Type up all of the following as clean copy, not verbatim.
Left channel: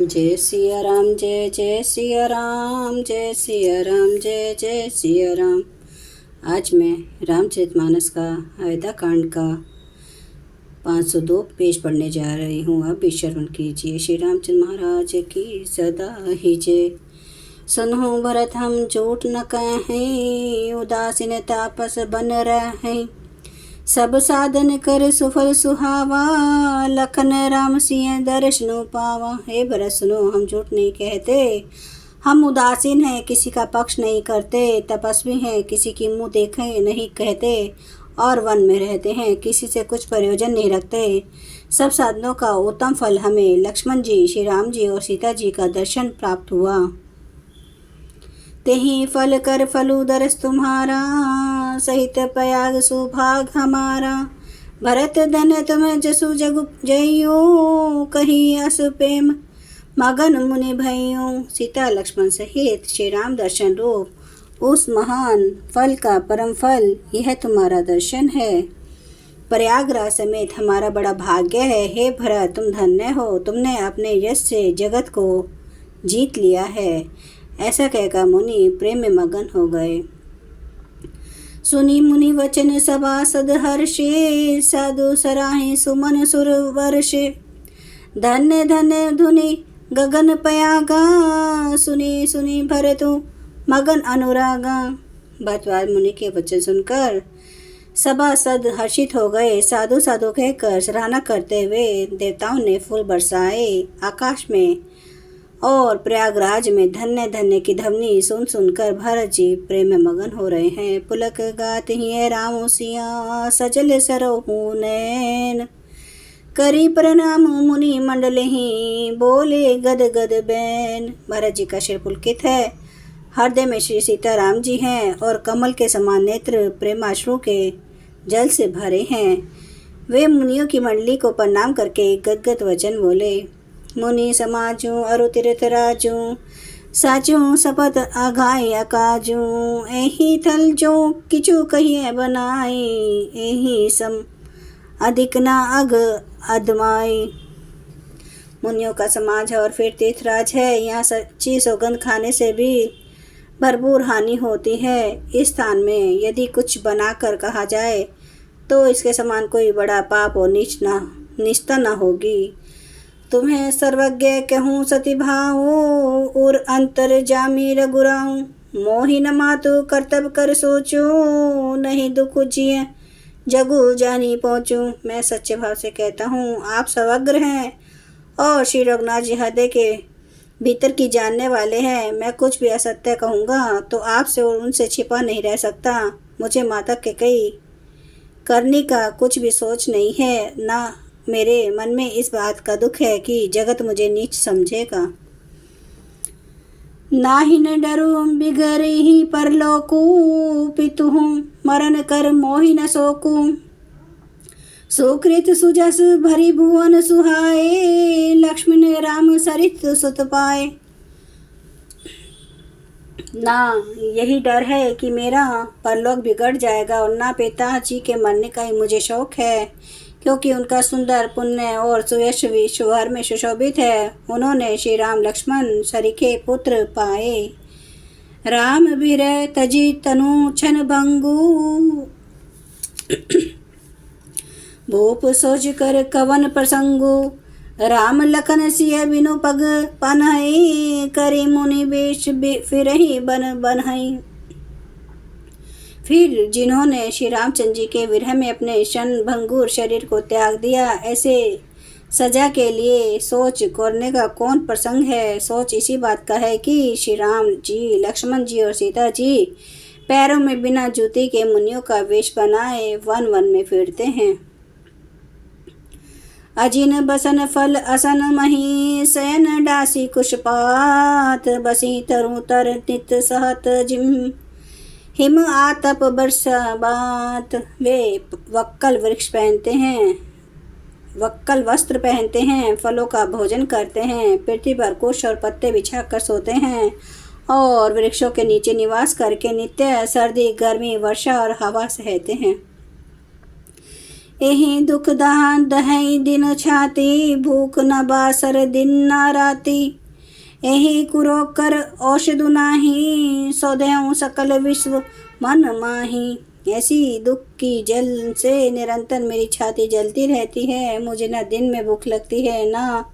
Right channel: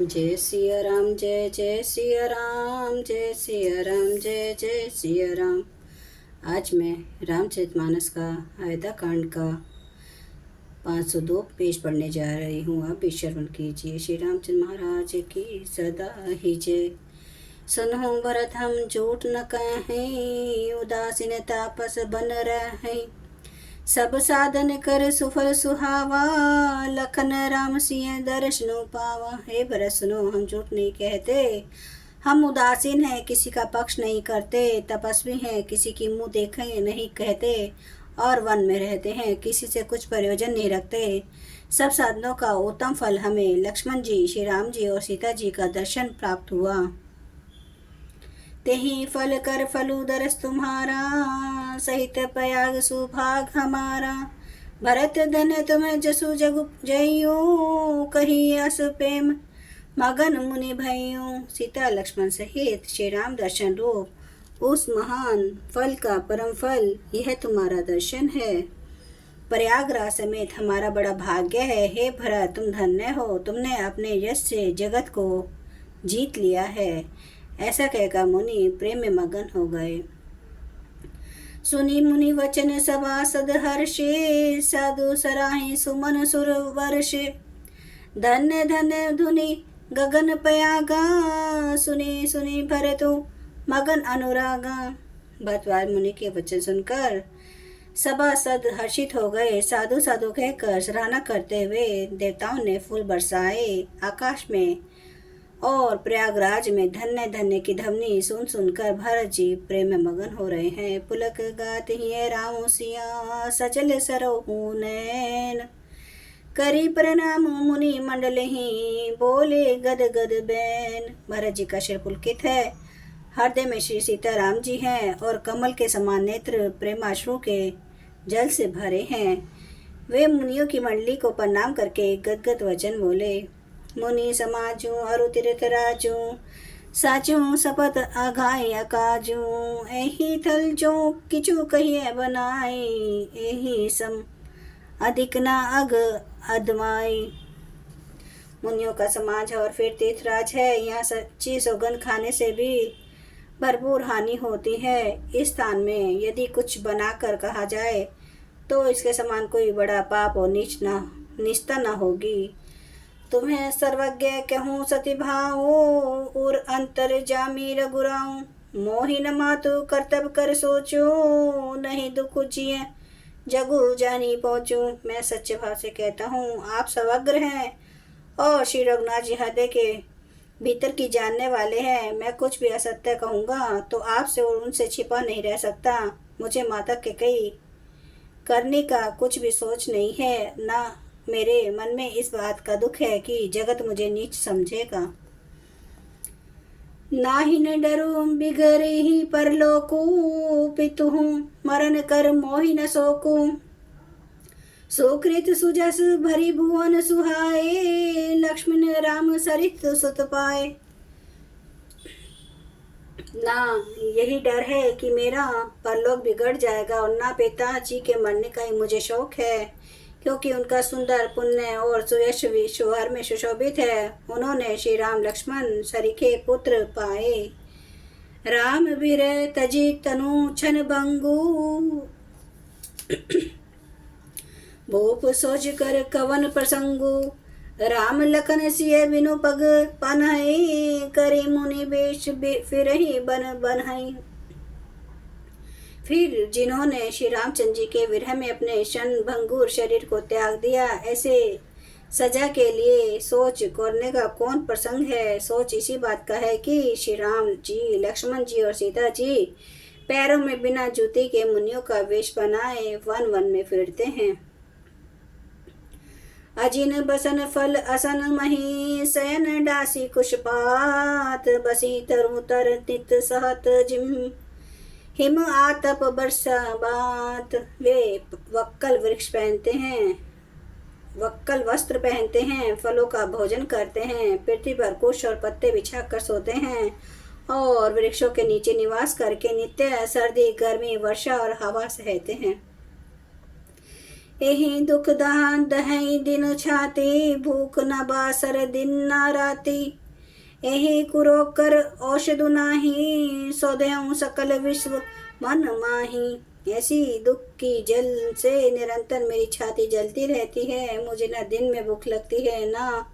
जय सिया राम, जय जय सिया राम, जय सिया राम, जय जय सिया राम। आज मैं रामचरितमानस का अयोध्या कांड का 502 पेज पढ़ने जा रही हूँ। आप भी श्रवण कीजिए। श्री रामचंद्र महाराज की सदा ही जय। सुनो भरत हम झूठ न कहें, उदासीन तापस बन रहें। सब साधन कर सुफल सुहावा, लखन राम सिंह दर्शनो पावा। हे भरत सुनो, हम झूठ नहीं कहते, हम उदासीन हैं, किसी का पक्ष नहीं करते, तपस्वी हैं, किसी की मुंह देखे नहीं कहते, और वन में रहते हैं, किसी से कुछ प्रयोजन नहीं रखते। सब साधनों का उत्तम फल हमें लक्ष्मण जी, श्री राम जी और सीता जी का दर्शन प्राप्त हुआ। तेहि फल कर फलु दरस तुम्हारा, सहित प्रयाग सुभाग हमारा। भरत धन तुम्हें जसु जगु जइयो, कही अस प्रेम मगन मुनि भइयो। सीता लक्ष्मण सहित श्री राम दर्शन रूप उस महान फल का परम फल यह तुम्हारा दर्शन है। प्रयागराज समेत हमारा बड़ा भाग्य है। हे भरत, तुम धन्य हो, तुमने अपने यश से जगत को जीत लिया है। ऐसा कहकर मुनि प्रेम में मगन हो गए। सुनी मुनि वचन सभासद हर्षे, साधु सराहे सुमन सुर वर्षे। धन्य धन्य धुनि गगन पयागा, सुनी सुनी भरतु मगन अनुरागा। भरद्वाज मुनि के वचन सुनकर सभासद हर्षित हो गए। साधु साधु कहकर सराहना करते हुए देवताओं ने फूल बरसाए आकाश में, और प्रयागराज में धन्य धन्य की ध्वनि सुन सुनकर भरत जी प्रेम में मगन हो रहे हैं। पुलक गात ही राम सिया, सजल सरोहु नैन। करी प्रणाम मुनि मंडल ही, बोले गद गद बैन। भरत जी का सिर पुलकित है, हृदय में श्री सीता राम जी हैं, और कमल के समान नेत्र प्रेमाश्रु के जल से भरे हैं। वे मुनियों की मंडली को प्रणाम करके गदगद वचन बोले। मुनि समाजू अरु तीर्थ राजू, साचू सपत आघाय अकाजू। एही थल जो किचु कहिए बनाई, एही सम अधिक ना अग अधमाई। मुनियों का समाज है और फिर तीर्थराज है। यहाँ सच्ची सौगंध खाने से भी भरपूर हानि होती है। इस स्थान में यदि कुछ बनाकर कहा जाए तो इसके समान कोई बड़ा पाप और निष्ठा न होगी। तुम्हें सर्वज्ञ कहूँ सती भाऊ, और अंतर जामी रघुराऊ। मोहि न मातु कर्तव्य कर सोचूं, नहीं दुख जिए जगु जानी पहुँचूं। मैं सच्चे भाव से कहता हूँ, आप सर्वज्ञ हैं और श्री रघुनाथ जी हृदय के भीतर की जानने वाले हैं। मैं कुछ भी असत्य कहूँगा तो आपसे और उनसे छिपा नहीं रह सकता। मुझे माता के कई करने का कुछ भी सोच नहीं है, ना मेरे मन में इस बात का दुख है कि जगत मुझे नीच समझेगा। नाही न डरू बिगर ही परलोकू, पितु हूँ मरण कर मोहि न सोकू। सुकृत सुजस भरी भुवन सुहाए, लक्ष्मण राम सरित सुत पाए। ना यही डर है कि मेरा परलोक बिगड़ जाएगा, और ना पिता जी के मरने का ही मुझे शौक है, क्योंकि उनका सुंदर पुण्य और सुयश विश्व भर में सुशोभित है। उन्होंने श्री राम लक्ष्मण सरीखे पुत्र पाए। राम विरह तजी तनु छन भंगू, भूप सोच कर कवन प्रसंगु। राम लखन सिय बिनु पग पनहि, करी मुनि बेश फिरहि बन बनहि। फिर जिन्होंने श्री रामचंद्र जी के विरह में अपने क्षण भंगुर शरीर को त्याग दिया, ऐसे सजा के लिए सोच करने का कौन प्रसंग है। सोच इसी बात का है कि श्री राम जी, लक्ष्मण जी और सीता जी पैरों में बिना जूते के मुनियों का वेश बनाए वन वन में फिरते हैं। अजिन बसन फल असन मही, शयन डासी कुशपात। बसी तरु तर नित सहत जिम, हिम आतप बरसा बात। वे वक्कल वृक्ष पहनते हैं, वक्कल वस्त्र पहनते हैं, फलों का भोजन करते हैं, पृथ्वी पर कुश और पत्ते बिछाकर सोते हैं, और वृक्षों के नीचे निवास करके नित्य सर्दी गर्मी वर्षा और हवा सहते हैं। यही दुख दान दहई दिन छाती, भूख न बासर दिन न राती। यही कुरोग कर औषधु नाही, सौदेहूँ सकल विश्व मन माही। ऐसी दुख की जल से निरंतर मेरी छाती जलती रहती है। मुझे न दिन में भूख लगती है न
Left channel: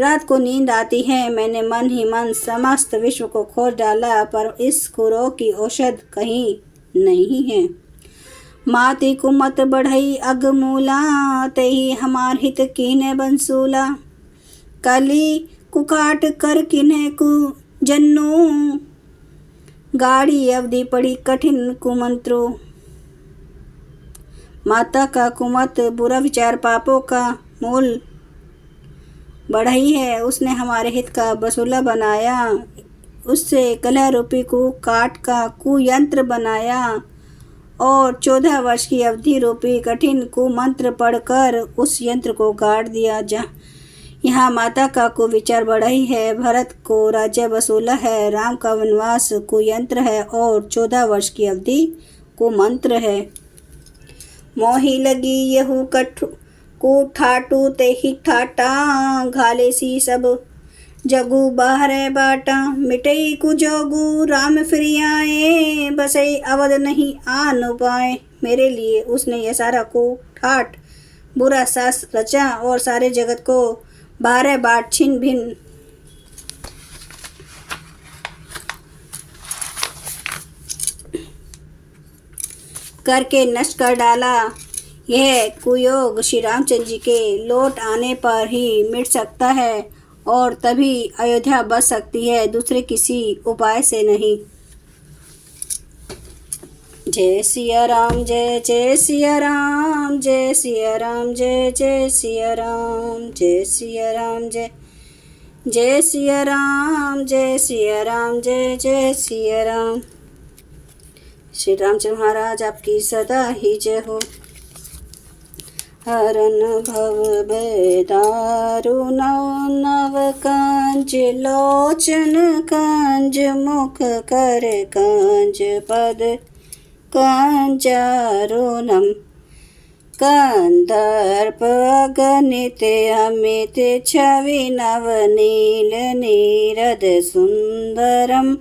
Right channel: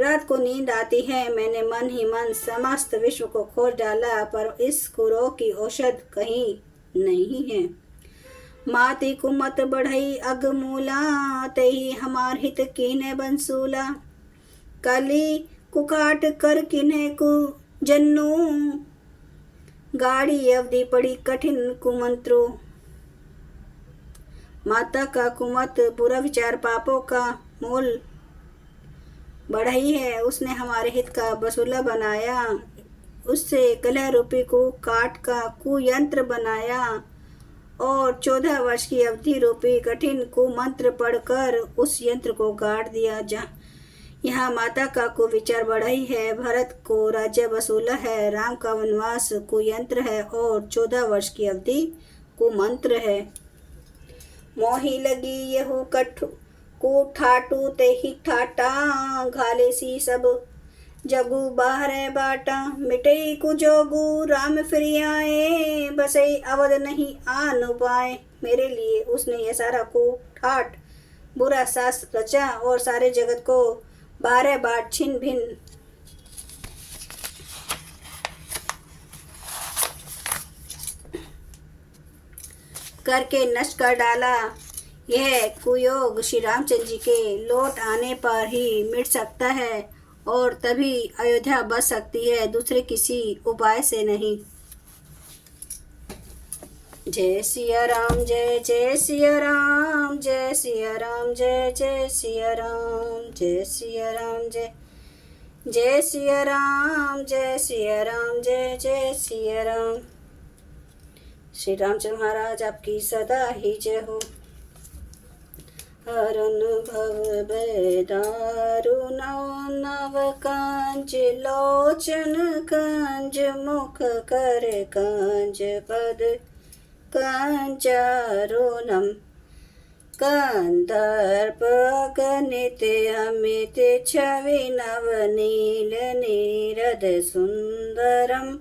रात को नींद आती है। मैंने मन ही मन समस्त विश्व को खोज डाला, पर इस कुरोग की औषध कहीं नहीं है। माती कुमत बढ़ई अगमूला, तही हमार हित कीने बंसूला। कली कुकाट कर किन्हे कु जन्नू, गाड़ी अवधि पड़ी कठिन कुमंत्रो। माता का कुमत बुरा विचार पापों का मूल बढ़ई है। उसने हमारे हित का बसूला बनाया, उससे कलह रूपी को काट का कुयंत्र बनाया और 14 वर्ष की अवधि रूपी कठिन कुमंत्र पढ़कर उस यंत्र को गाड़ दिया। यहाँ माता का कुविचार बढ़ई है, भरत को राज्य बसूला है, राम का वनवास कुयंत्र है और 14 वर्ष की अवधि कुमंत्र है। मोही लगी यहू कठु को ठाटू ते ही ठाटा, घाले सी सब जगू बाहरे बाटा। मिटई कुजोगू राम फिर आए, बसई अवध नहीं आन पाए। मेरे लिए उसने यह सारा को ठाट बुरा सास रचा और सारे जगत को बारह बाट छिन्न भिन्न करके नष्ट कर डाला। यह कुयोग श्री रामचंद्र जी के लौट आने पर ही मिट सकता है और तभी अयोध्या बच सकती है, दूसरे किसी उपाय से नहीं। जय सिया राम, जय जय सिया राम, जय सिया राम, जय जय सिया राम, जय सिया राम, जय जय सिया राम, जय सिया राम, जय जय सिया राम। श्री रामचंद्र महाराज आपकी सदा ही जय हो। हरन भव बेदारु नव कंज, लोचन कंज, मुख कर कंज, पद कंजारुणम। कंदर्प अगणित अमित छवि नवनील नीरद सुंदरम।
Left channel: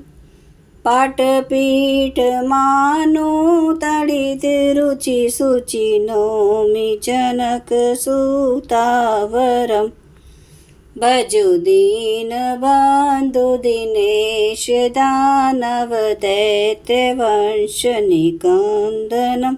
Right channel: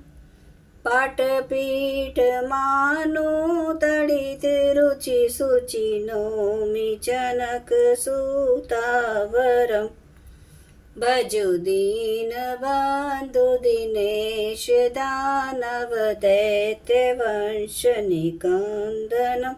पाटपीठ मानो तड़ित रुचि सुचि नौमि जनक सुतावरम। भजु दीन बंधु दिनेश दानव दैत्य वंश निकंदनम।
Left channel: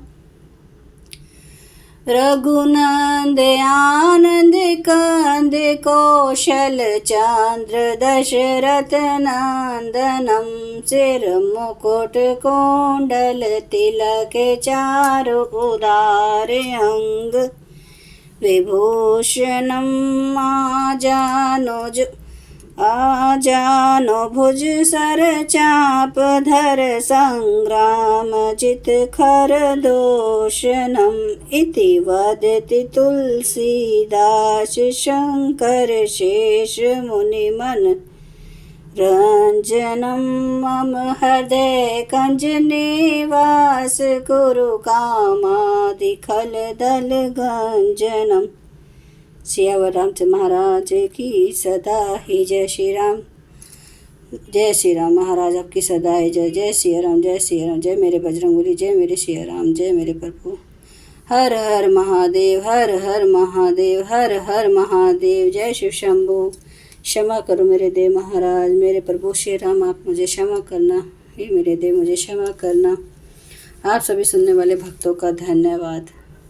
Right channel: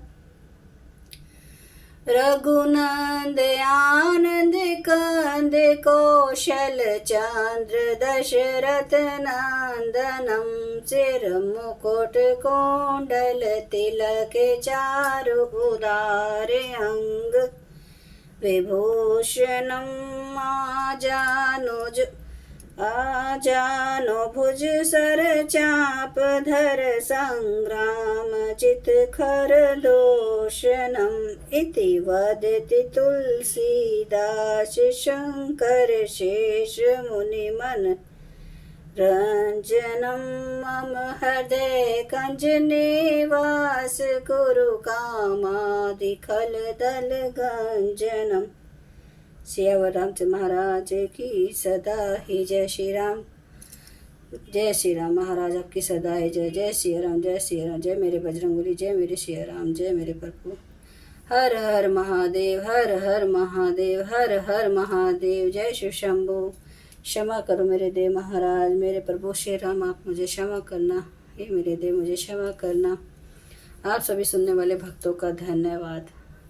रघुनंद आनंद कंद कौशल चंद्र दशरथ नंदनम। सिर मुकुट कोंडल तिलक चारु उदार अंग विभूषणम। आजानो भुज सर चाप धर संग्राम जित खर दोषनम। इति वदति तुलसीदास शंकर शेष मुनि मन रंजनम। मम हृदय कंज निवास कुरु कामादि खल दल गंजनम। सियावर रामचंद्र महाराज की सदा ही जय। श्री राम, जय श्री राम महाराज आपकी सदा ही जय। जय सिया राम, जय सिया राम, जय मेरे बजरंगबली, जय मेरे सिया राम, जय मेरे प्रभु। हर हर महादेव, हर हर महादेव, हर हर महादेव। जय शिव शंभू। क्षमा करो मेरे देव महाराज, मेरे प्रभु श्री राम, आप मुझे क्षमा करना। हे मेरे देव मुझे क्षमा करना। आप सभी सुनने वाले भक्तों का धन्यवाद।